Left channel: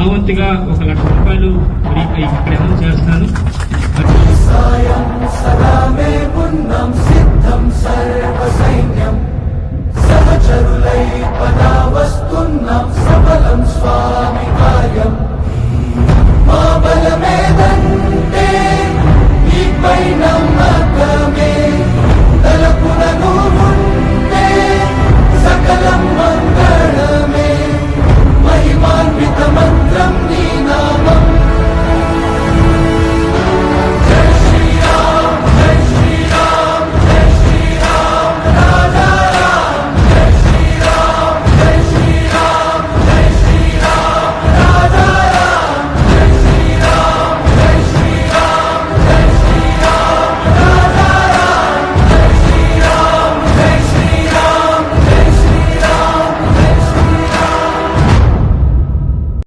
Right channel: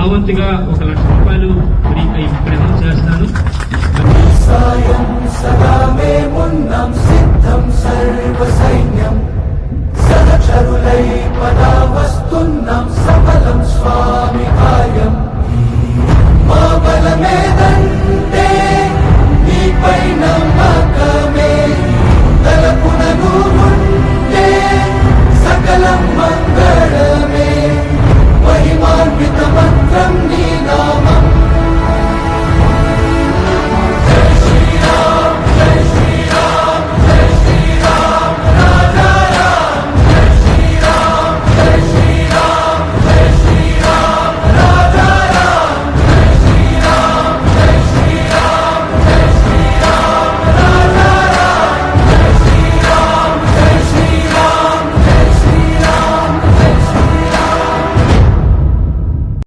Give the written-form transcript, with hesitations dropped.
నా వంతుగా 1 లక్ష రూపాయలు మీపై ఇక్కడ అనౌన్స్ చేస్తాను. సాయం సదా మేమున్నాం సిద్ధం సర్వ సైన్యం సహచరులై పదా వస్తున్నాం సఫలం స్వామి